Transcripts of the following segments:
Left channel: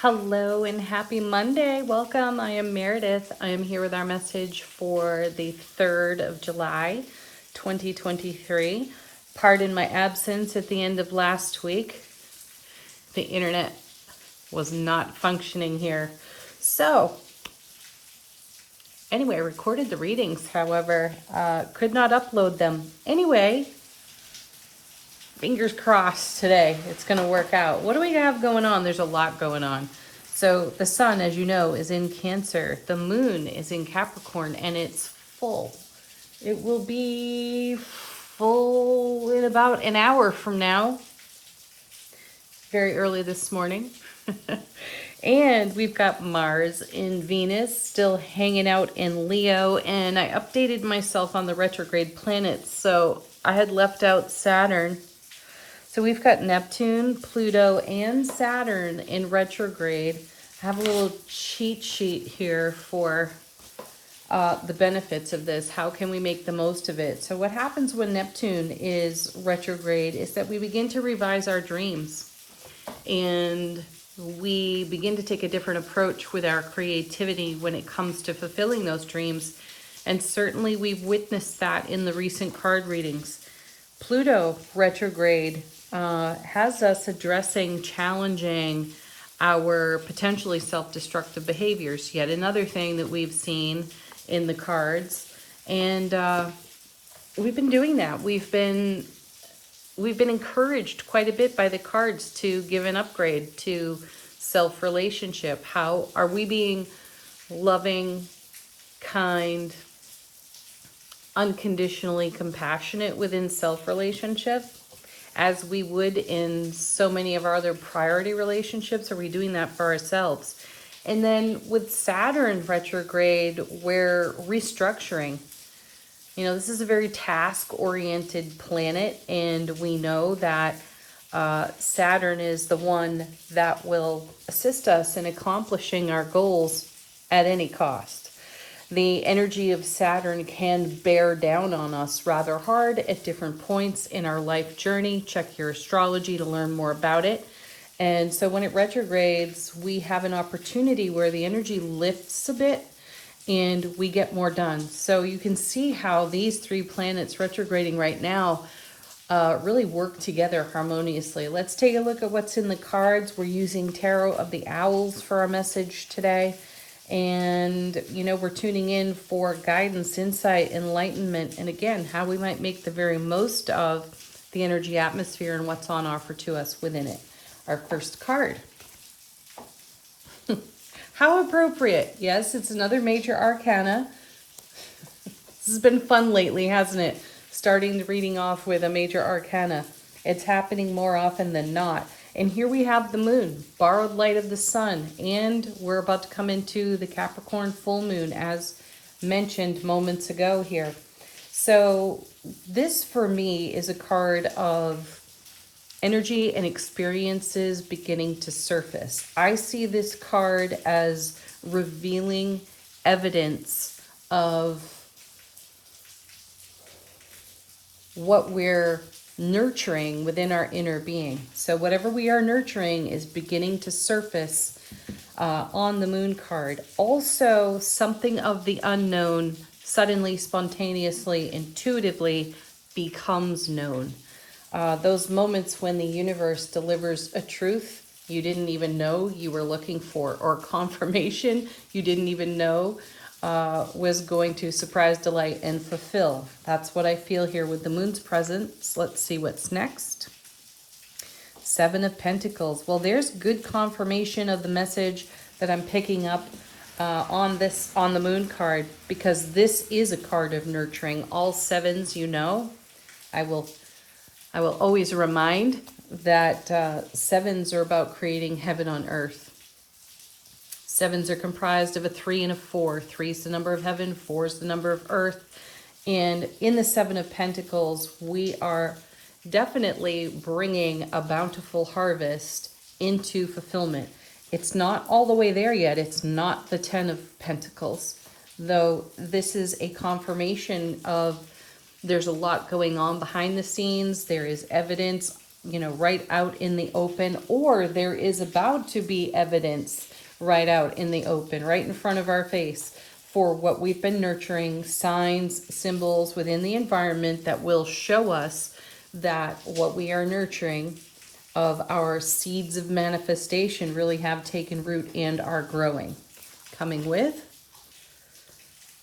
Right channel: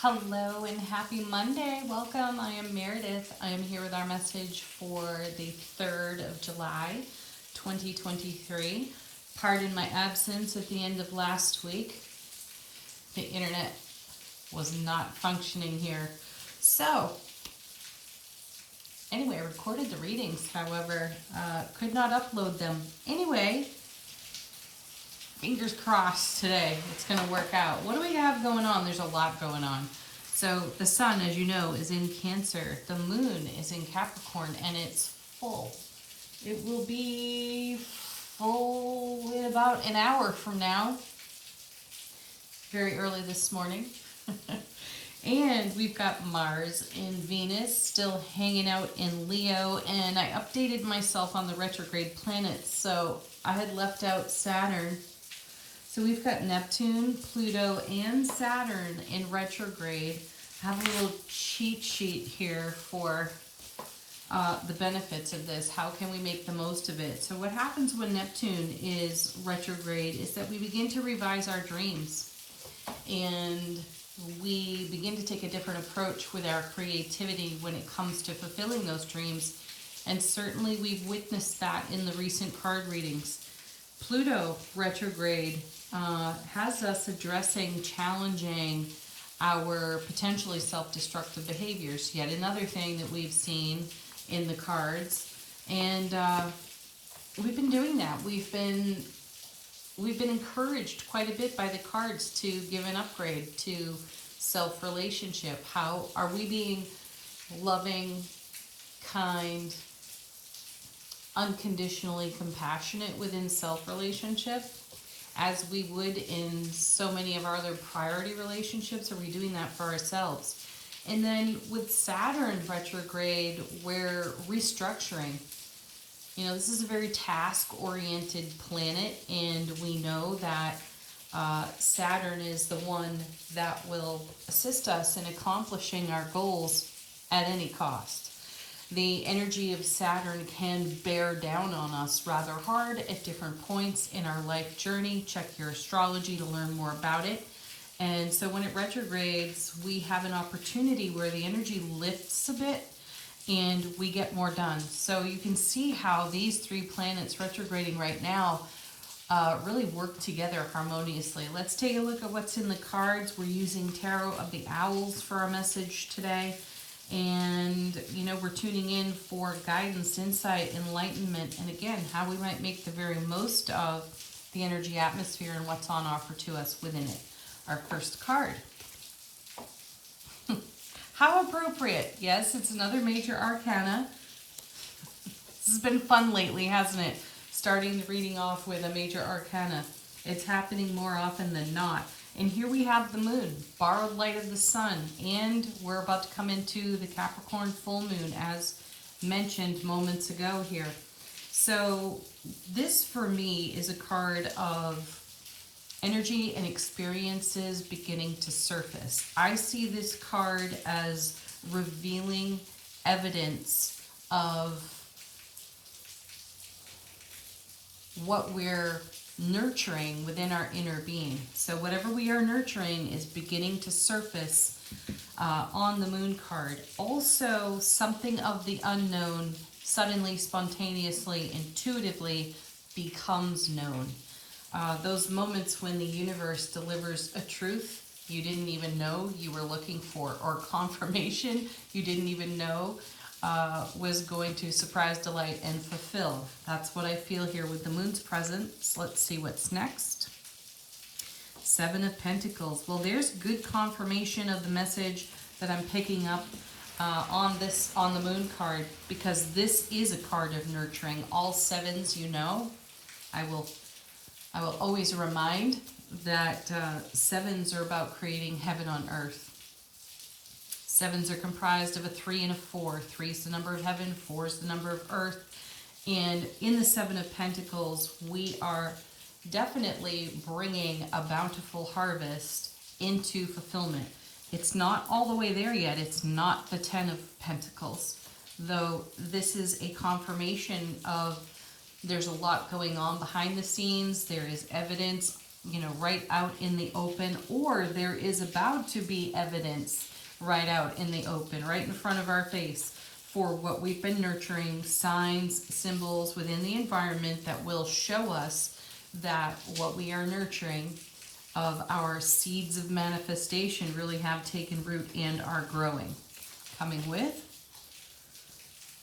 Hello and happy Monday. Welcome. I am Meredith. I am here with our message for the 3rd of July, 2023. Pardon my absence at the end of last week. The internet was not functioning here. So, anyway, I recorded the readings, however, could not upload them. Anyway, fingers crossed today it's going to work out. What do we have going on? There's a lot going on. So the sun, as you know, is in Cancer. The moon is in Capricorn, and it's full. It will be full in about an hour from now. Very early this morning. And we've got Mars in Venus, still hanging out in Leo. And I updated myself on the retrograde planets. So I had left out Saturn. So we've got Neptune, Pluto, and Saturn in retrograde. I have a little cheat sheet here for the benefits of this. How can we make the most of it? So what happens when Neptune is retrograde is that we begin to revise our dreams. And we begin to take a different approach with our creativity when it comes to fulfilling those dreams. And certainly we've witnessed that in the recent card readings. Pluto retrograde has us addressing, challenging our potentially self-destructive behaviors. Yet another thing that we've seen in the cards. And we've been doing that. We've been encouraged quite a bit by the cards to give an upgrade to self-relationship. How are we being loving, kind, unconditionally compassionate within self-relationship as we would in so many of our other priority relationships? Are we doing that for ourselves? And then with Saturn retrograde, we're restructuring. You know, this is a very task-oriented planet, and we know that Saturn is the one that will assist us in accomplishing our goals at any cost. The energy of Saturn can bear down on us rather hard at different points in our life journey. Check your astrology to learn more about it. And so when it retrogrades, we have an opportunity where the energy lifts a bit and we get more done. So you can see how these three planets retrograding right now really work together harmoniously. Let's take a look at what's in the cards. We're using Tarot of the Owls for our message today. And, you know, we're tuning in for guidance, insight, enlightenment, and again, how we might make the very most of the energy atmosphere and what's on offer to us within it. Our first card. How appropriate. Yes, it's another major arcana. This has been fun lately, hasn't it? Starting the reading off with a major arcana. It's happening more often than not. And here we have the moon, borrowed light of the sun, and we're about to come into the Capricorn full moon, as mentioned moments ago here. So this, for me, is a card of energy and experiences beginning to surface. I see this card as revealing evidence of what we're nurturing within our inner being. So whatever we are nurturing is beginning to surface on the moon card. Also, something of the unknown suddenly, spontaneously, intuitively becomes known. Those moments when the universe delivers a truth you didn't even know you were looking for, or confirmation you didn't even know was going to surprise, delight, and fulfill. That's what I feel here with the moon's presence. Let's see what's next. Seven of Pentacles. Well, there's good confirmation of the message that I'm picking up on the moon card, because this is a card of nurturing. All sevens, you know, I will always remind that sevens are about creating heaven on earth. Sevens are comprised of a 3 and a 4. 3 is the number of heaven, 4 is the number of earth. And in the Seven of Pentacles, we are definitely bringing a bountiful harvest into fulfillment. It's not all the way there yet. It's not the 10 of Pentacles, though this is a confirmation of there's a lot going on behind the scenes. There is evidence right out in the open, or there is about to be evidence right out in the open, right in front of our face for what we've been nurturing, signs, symbols within the environment that will show us that what we are nurturing of our seeds of manifestation really have taken root and are growing. Coming with,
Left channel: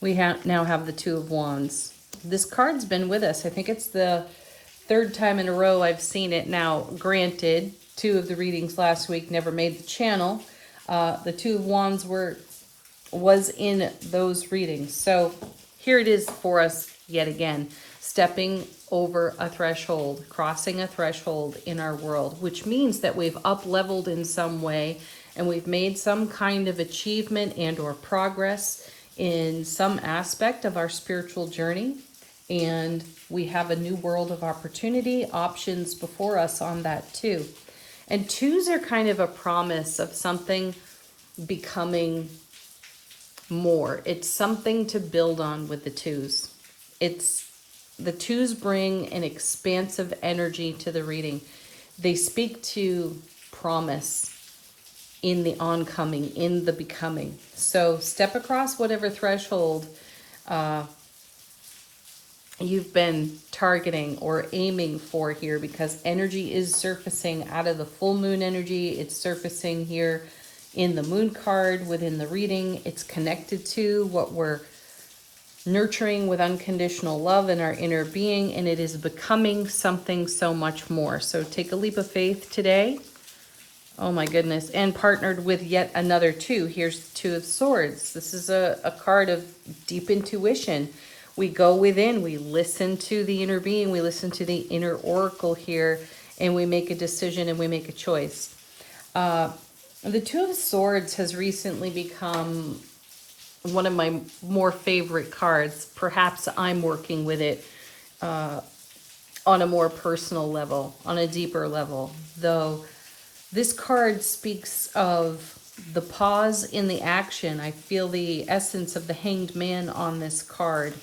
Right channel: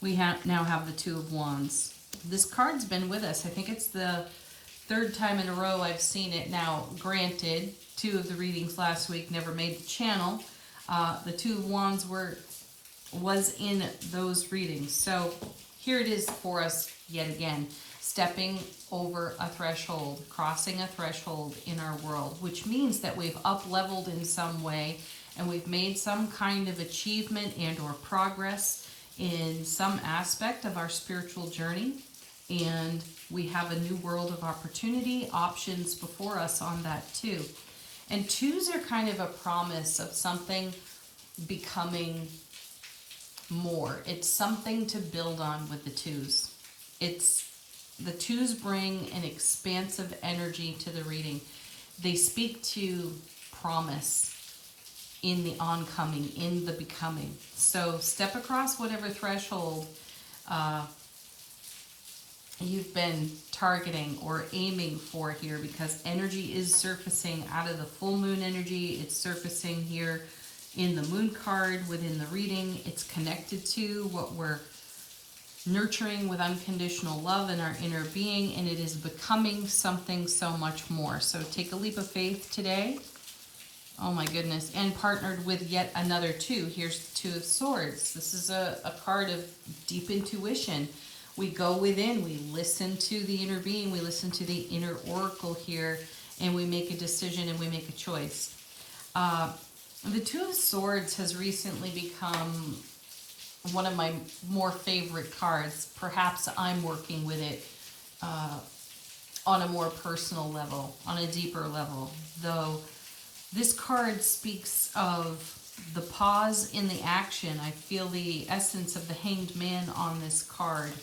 we now have the Two of Wands. This card's been with us. I think it's the third time in a row I've seen it now. Granted, 2 of the readings last week never made the channel. The Two of Wands was in those readings. So here it is for us yet again. Stepping over a threshold, crossing a threshold in our world, which means that we've up-leveled in some way and we've made some kind of achievement and or progress in some aspect of our spiritual journey. And we have a new world of opportunity, options before us on that too. And 2s are kind of a promise of something becoming more. It's something to build on with the 2s. The 2s bring an expansive energy to the reading. They speak to promise in the oncoming, in the becoming. So step across whatever threshold you've been targeting or aiming for here, because energy is surfacing out of the full moon energy. It's surfacing here in the moon card within the reading. It's connected to what we're nurturing with unconditional love in our inner being, and it is becoming something so much more. So take a leap of faith today. Oh my goodness. And partnered with yet another 2. Here's 2 of Swords. This is a card of deep intuition. We go within, we listen to the inner being, we listen to the inner oracle here, and we make a decision and we make a choice. The 2 of Swords has recently become one of my more favorite cards. Perhaps I'm working with it on a more personal level, on a deeper level. Though this card speaks of the pause in the action. I feel the essence of the Hanged Man on this card.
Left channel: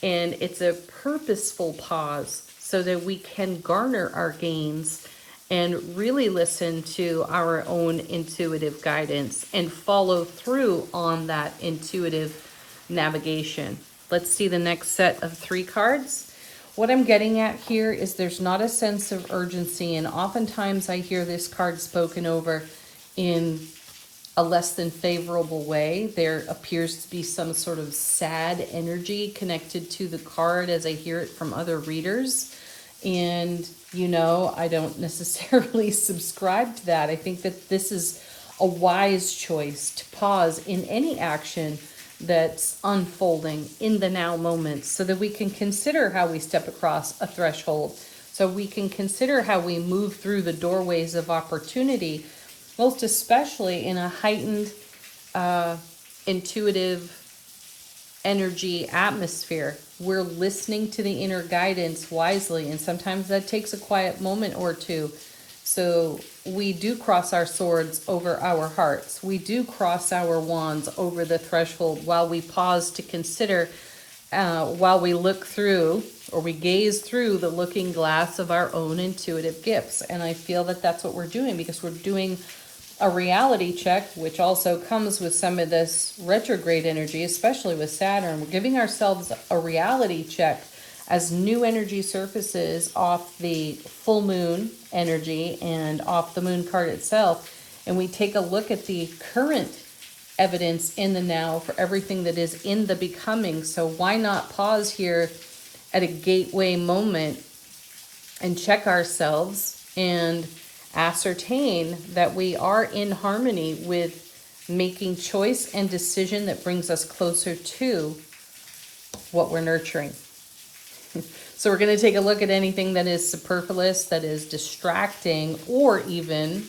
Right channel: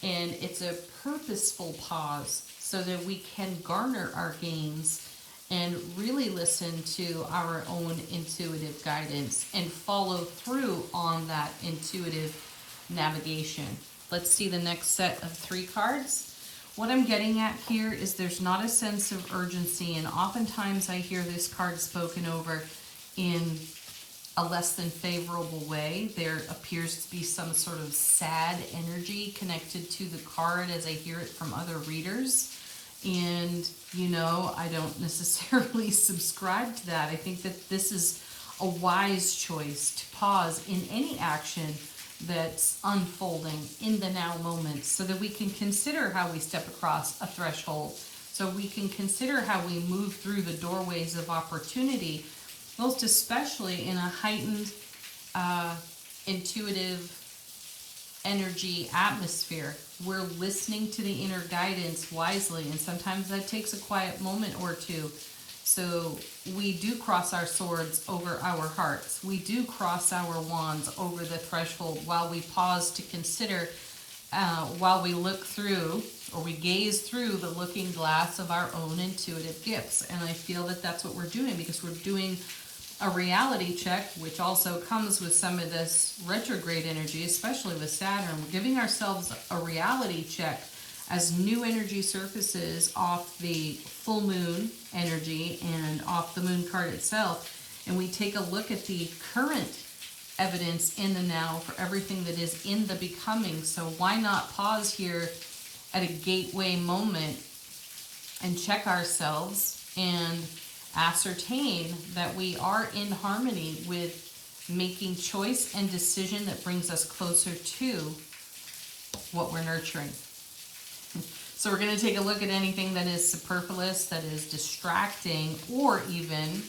And it's a purposeful pause so that we can garner our gains and really listen to our own intuitive guidance and follow through on that intuitive navigation. Let's see the next set of 3 cards. What I'm getting at here is there's not a sense of urgency, and oftentimes I hear this card spoken over in a less than favorable way. There appears to be some sort of sad energy connected to the card as I hear it from other readers. And, I don't necessarily subscribe to that. I think that this is a wise choice to pause in any action that's unfolding in the now moment so that we can consider how we step across a threshold, so we can consider how we move through the doorways of opportunity, most especially in a heightened intuitive energy atmosphere. We're listening to the inner guidance wisely, and sometimes that takes a quiet moment or 2. So we do cross our swords over our hearts. We do cross our wands over the threshold while we pause to consider, while we look through, or we gaze through the looking glass of our own intuitive gifts. And I feel that that's what we're doing, because we're doing a reality check, which also comes with some of this retrograde energy, especially with Saturn. We're giving ourselves a reality check as new energy surfaces off the full moon energy and off the moon card itself. And we take a look at the current evidence in the now for everything that is in the becoming. So why not pause here at a gateway moment and check ourselves and ascertain that we are in harmony with making choice and decision that brings us closer to what we're nurturing. So we're going to take a look at anything that is superfluous, that is distracting, or even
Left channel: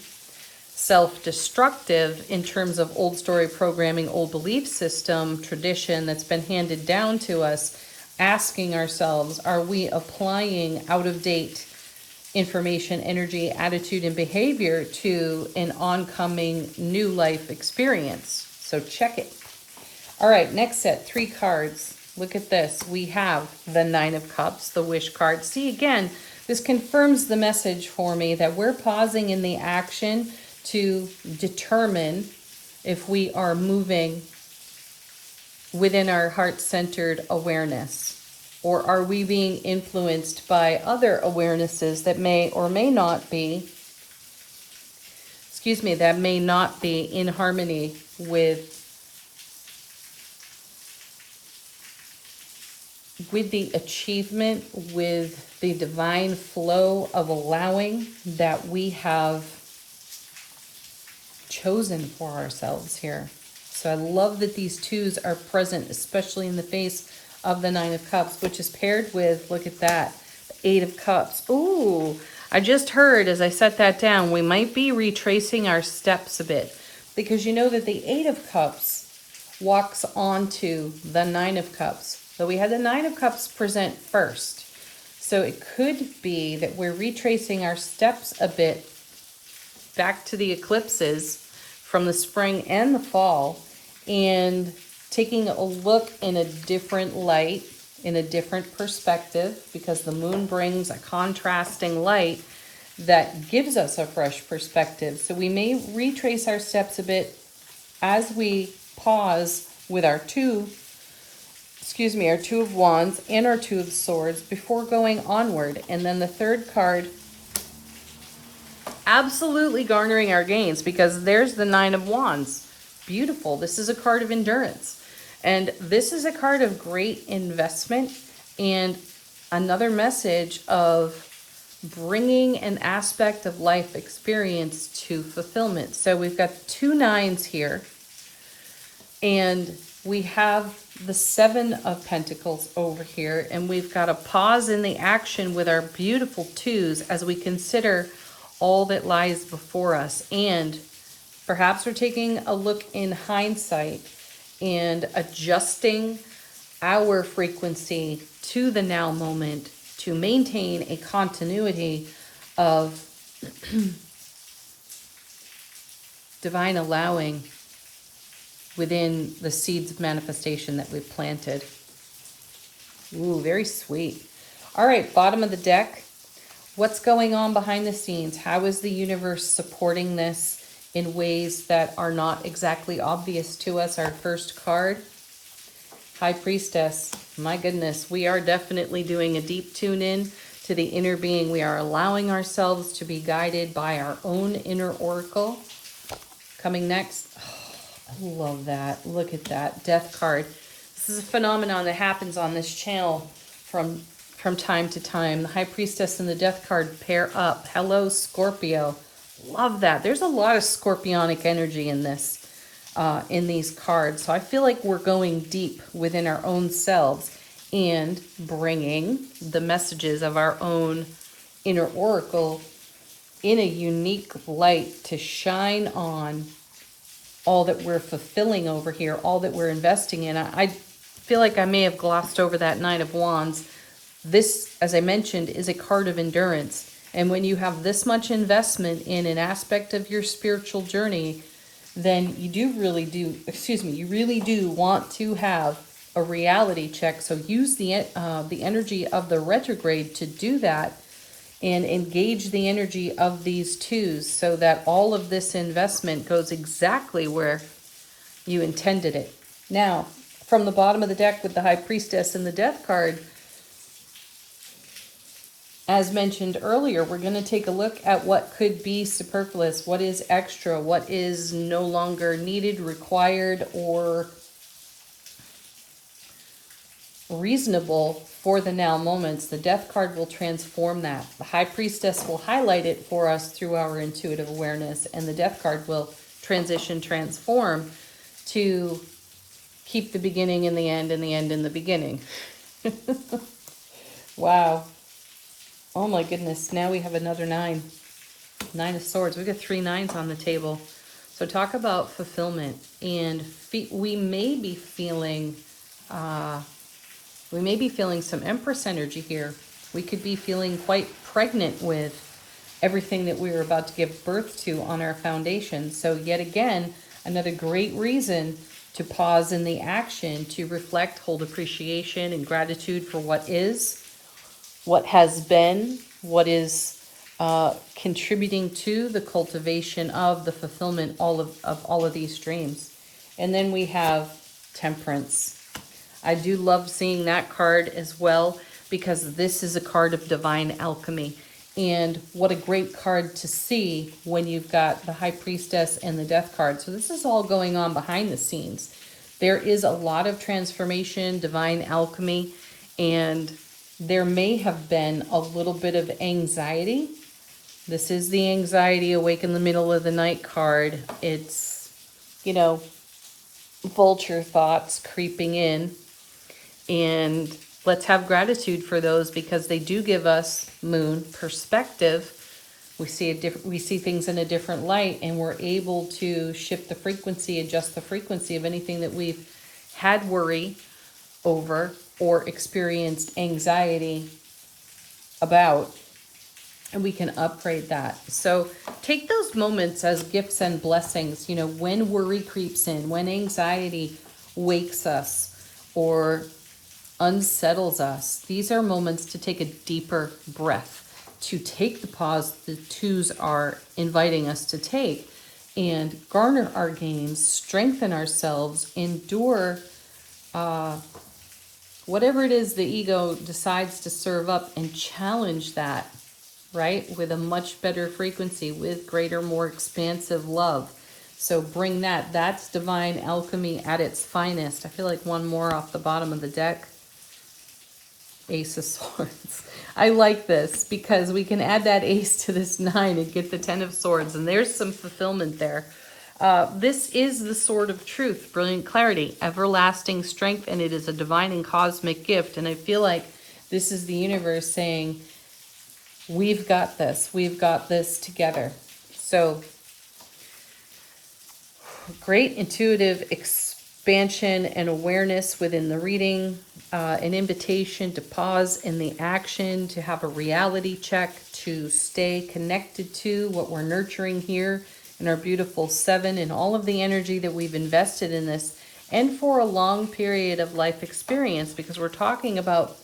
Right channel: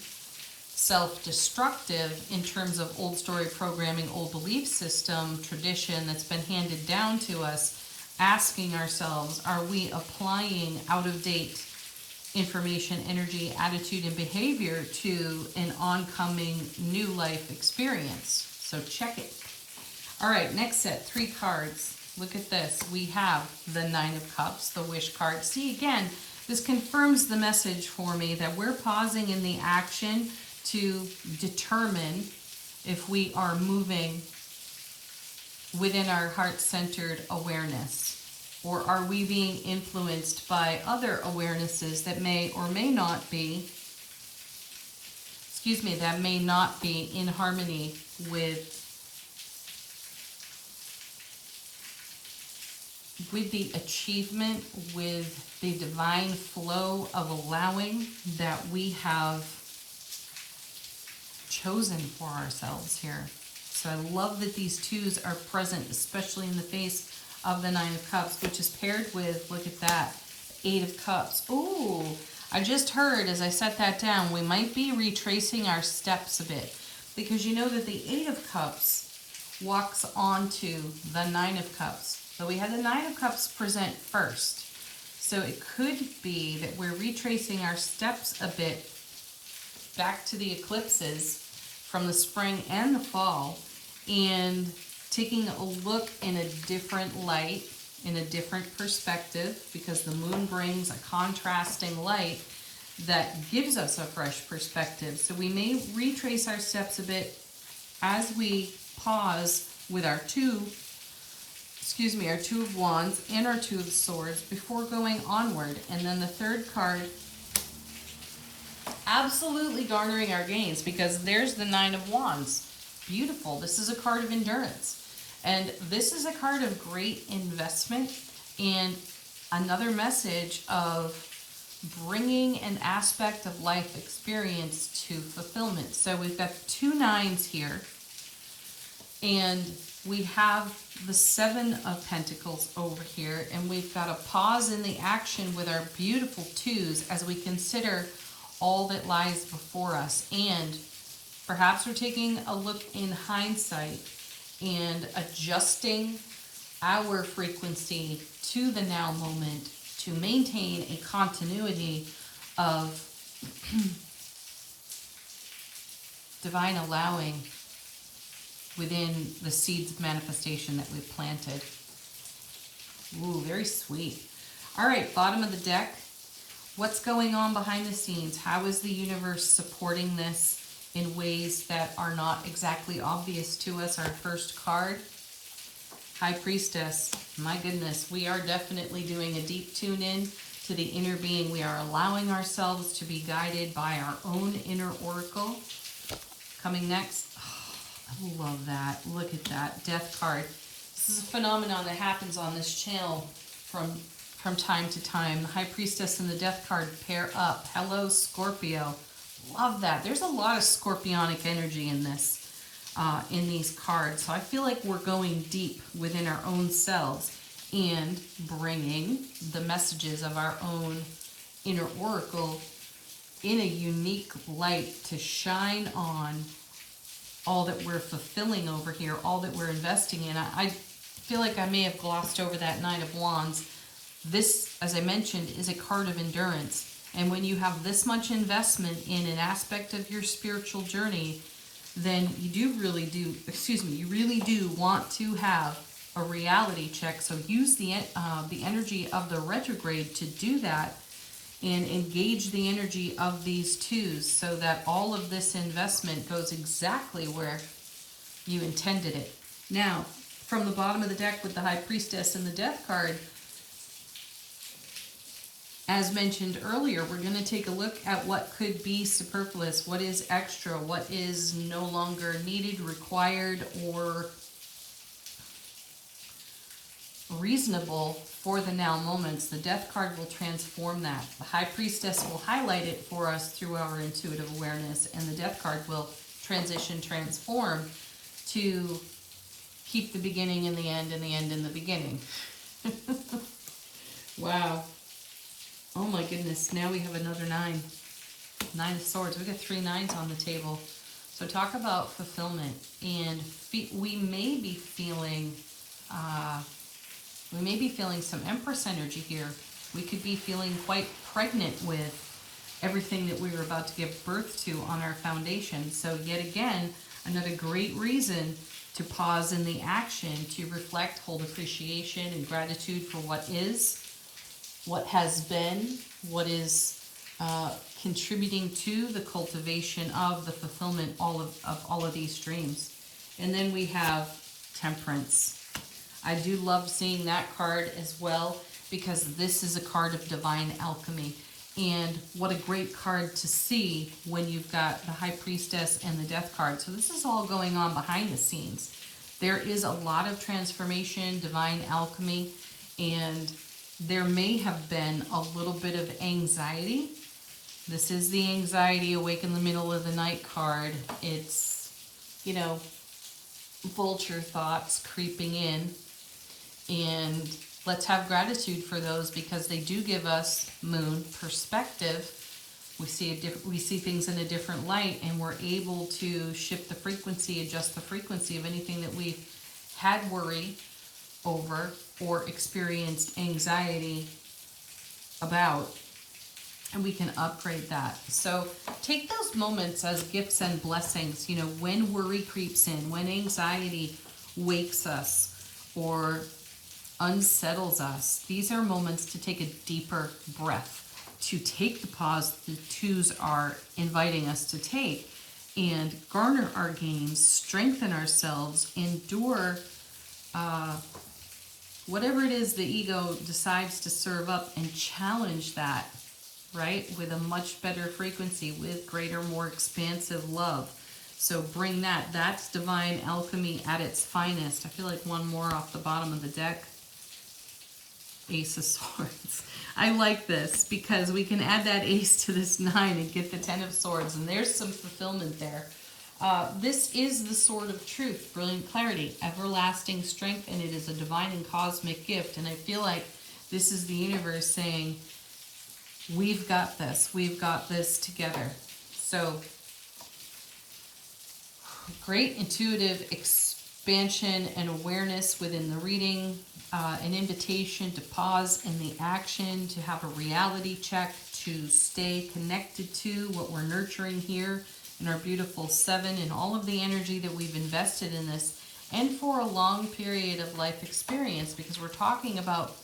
self-destructive in terms of old story programming, old belief system, tradition that's been handed down to us, asking ourselves, are we applying out-of-date information, energy, attitude, and behavior to an oncoming new life experience? So check it. All right, next set, 3 cards. Look at this. We have the 9 of Cups, the Wish card. See, again, This confirms the message for me that we're pausing in the action to determine if we are moving within our heart-centered awareness, or are we being influenced by other awarenesses that may or may not be, that may not be in harmony with the achievement, with the divine flow of allowing that we have chosen for ourselves here. So I love that these twos are present, especially in the face of the Nine of Cups, which is paired with, look at that, the Eight of Cups. Ooh, I just heard as I set that down, we might be retracing our steps a bit, because you know that the Eight of Cups walks onto the Nine of Cups. But we had the Nine of Cups present first. So it could be that we're retracing our steps a bit back to the eclipses from the spring and the fall, and taking a look in a different light, in a different perspective, because the moon brings a contrasting light that gives us a fresh perspective. So we may retrace our steps a bit as we pause with our Two of Wands and our Two of Swords before going onward. And then the third card, absolutely garnering our gains, because there's the Nine of Wands. Beautiful. This is a card of endurance. And this is a card of great investment and another message of bringing an aspect of life experience to fulfillment. So we've got two nines here, and we have the Seven of Pentacles over here, and we've got a pause in the action with our beautiful twos as we consider all that lies before us. And perhaps we're taking a look in hindsight and adjusting our frequency to the now moment to maintain a continuity of divine allowing within the seeds of manifestation that we've planted. Ooh, very sweet. All right, bottom of the deck. What's going on behind the scenes? How is the universe supporting this in ways that are not exactly obvious to us? Our first card, High Priestess. My goodness, we are definitely doing a deep tune in to the inner being. We are allowing ourselves to be guided by our own inner oracle. Coming next, oh, I love that. Look at that Death card. This is a phenomenon that happens on this channel from time to time. The High Priestess and the Death card pair up. Hello, Scorpio. Love that. There's a lot of scorpionic energy in this, in these cards. So I feel like we're going deep within our own selves and bringing the messages of our own inner oracle in a unique light to shine on all that we're fulfilling over here, all that we're investing in. I feel like I may have glossed over that Nine of Wands. This, as I mentioned, is a card of endurance. And when you have this much investment in an aspect of your spiritual journey, then you really do want to have a reality check. So use the energy of the retrograde to do that, and engage the energy of these twos so that all of this investment goes exactly where you intended it. Now, from the bottom of the deck with the High Priestess and the Death card, as mentioned earlier, we're going to take a look at what could be superfluous, what is extra, what is no longer needed, required, or reasonable for the now moments. The Death card will transform that. The High Priestess will highlight it for us through our intuitive awareness, and the Death card will transform to keep the beginning in the end and the end in the beginning. Wow. Oh my goodness, now we have another nine. Nine of Swords. We've got 3 nines on the table. So talk about fulfillment. And we may be feeling some Empress energy here. We could be feeling quite pregnant with everything that we were about to give birth to on our foundation. So yet again, another great reason to pause in the action, to reflect, hold appreciation and gratitude for what is, what has been, what is contributing to the cultivation of the fulfillment of all of these dreams. And then we have Temperance. I do love seeing that card as well, because this is a card of divine alchemy. And what a great card to see when you've got the High Priestess and the Death card. So this is all going on behind the scenes. There is a lot of transformation, divine alchemy, and there may have been a little bit of anxiety. This is the Anxiety Awake in the Middle of the Night card. It's, you know, vulture thoughts creeping in. And let's have gratitude for those, because they do give us, Moon, perspective. We see things in a different light, and we're able to shift the frequency, adjust the frequency of anything that we've had worry over or experienced anxiety about, and we can upgrade that. So take those moments as gifts and blessings. You know, when worry creeps in, when anxiety wakes us or unsettles us, these are moments to take a deeper breath, to take the pause the twos are inviting us to take, and garner our gains, strengthen ourselves, endure whatever it is the ego decides to serve up, and challenge that, right, with a much better frequency, with greater, more expansive love. So bring that. That's divine alchemy at its finest. I feel like one more off the bottom of the deck. Ace of Swords. I like this because we can add that ace to this 9 and get the 10 of Swords, and there's some fulfillment there. This is the Sword of Truth, brilliant clarity, everlasting strength, and it is a divine and cosmic gift. And I feel like this is the universe saying, we've got this together. So great intuitive expansion and awareness within the reading, an invitation to pause in the action, to have a reality check, to stay connected to what we're nurturing here in our beautiful 7, and all of the energy that we've invested in this, and for a long period of life experience, because we're talking about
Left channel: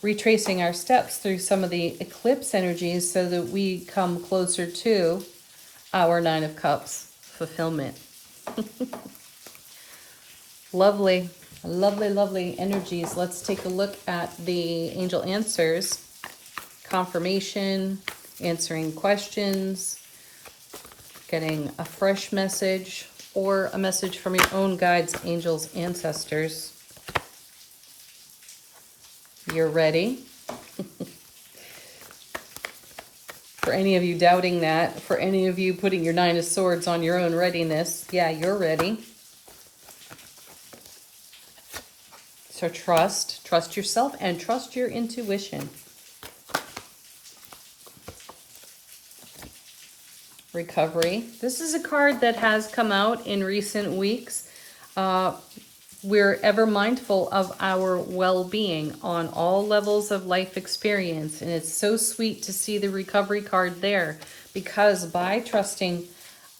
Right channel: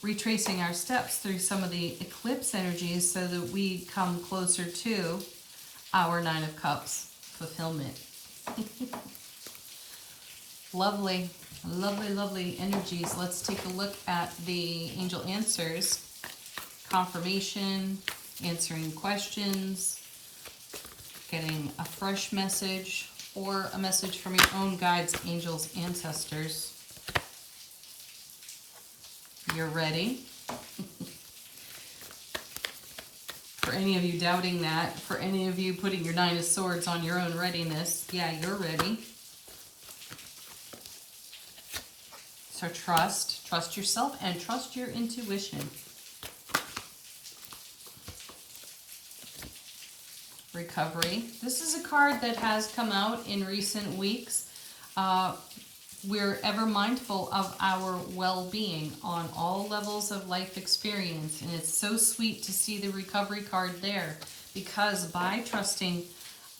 retracing our steps through some of the eclipse energies so that we come closer to our 9 of Cups fulfillment. Lovely, lovely, lovely energies. Let's take a look at the angel answers, confirmation, answering questions, getting a fresh message, or a message from your own guides, angels, ancestors. You're ready. For any of you doubting that, for any of you putting your 9 of Swords on your own readiness, yeah, you're ready. So trust yourself and trust your intuition. Recovery. This is a card that has come out in recent weeks. We're ever mindful of our well-being on all levels of life experience. And it's so sweet to see the recovery card there, because by trusting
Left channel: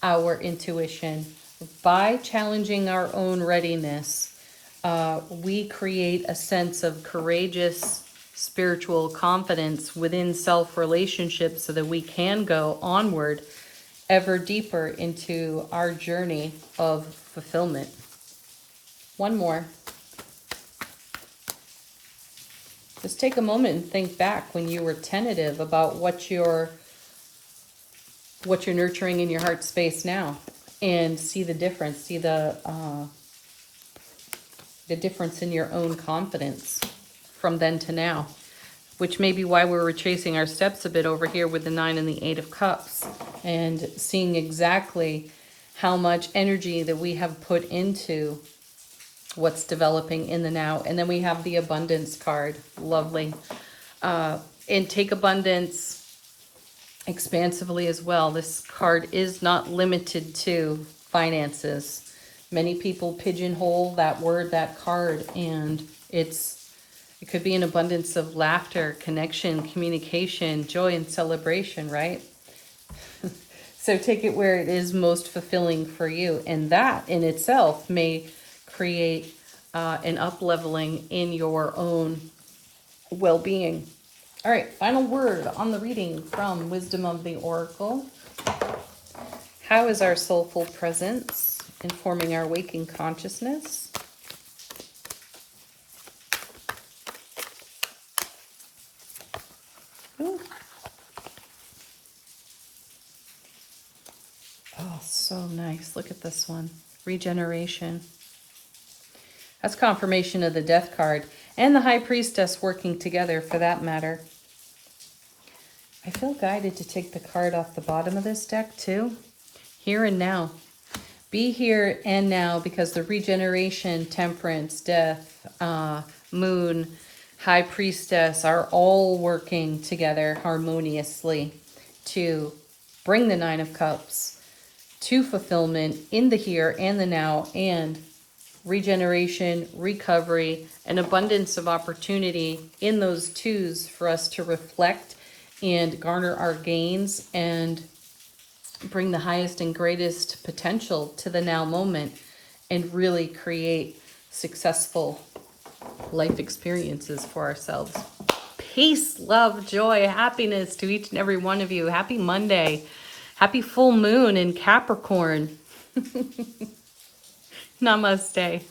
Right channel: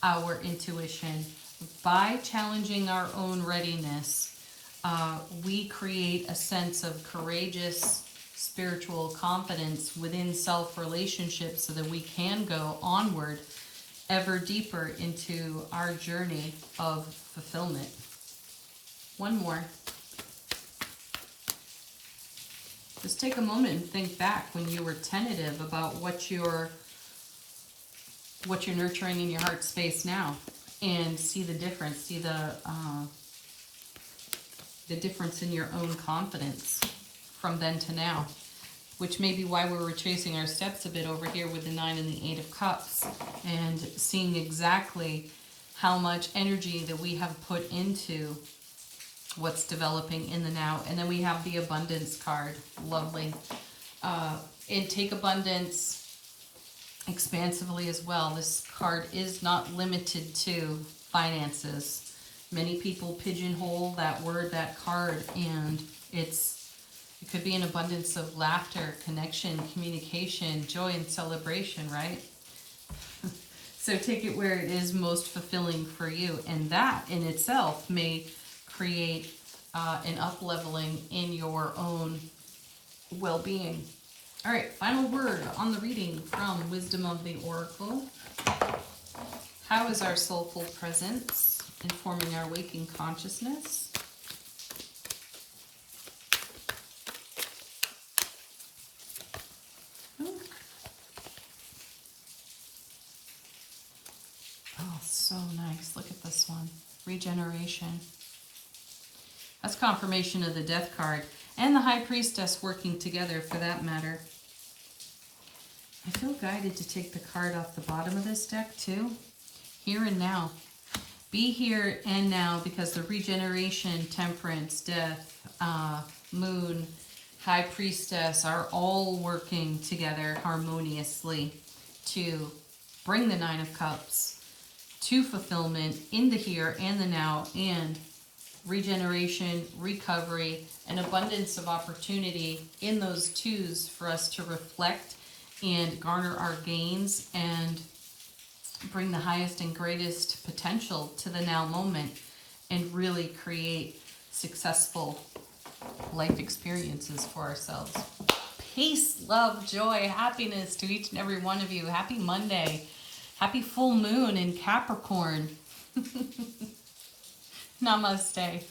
our intuition, by challenging our own readiness, we create a sense of courageous spiritual confidence within self-relationships so that we can go onward ever deeper into our journey of fulfillment. One more. Just take a moment and think back when you were tentative about what you're nurturing in your heart space now, and see the difference. See the difference in your own confidence from then to now, which may be why we're retracing our steps a bit over here with the 9 and the 8 of Cups, and seeing exactly how much energy that we have put into what's developing in the now. And then we have the abundance card. Lovely. And take abundance expansively as well. This card is not limited to finances. Many people pigeonhole that word, that card, and it could be an abundance of laughter, connection, communication, joy, and celebration, right? So take it where it is most fulfilling for you. And that in itself may create an up-leveling in your own well-being. All right, final word on the reading from Wisdom of the Oracle. How is our soulful presence informing our waking consciousness? Ooh. Oh, so nice. Look at this one. Regeneration. That's confirmation of the Death card and the High Priestess working together for that matter. I feel guided to take the card off the bottom of this deck too. Here and now. Be here and now, because the regeneration, temperance, death, moon, High Priestess are all working together harmoniously to bring the Nine of Cups to fulfillment in the here and the now, and regeneration, recovery, and abundance of opportunity in those twos for us to reflect and garner our gains and bring the highest and greatest potential to the now moment and really create successful life experiences for ourselves. Peace, love, joy, happiness to each and every one of you. Happy Monday. Happy full moon in Capricorn. Namaste.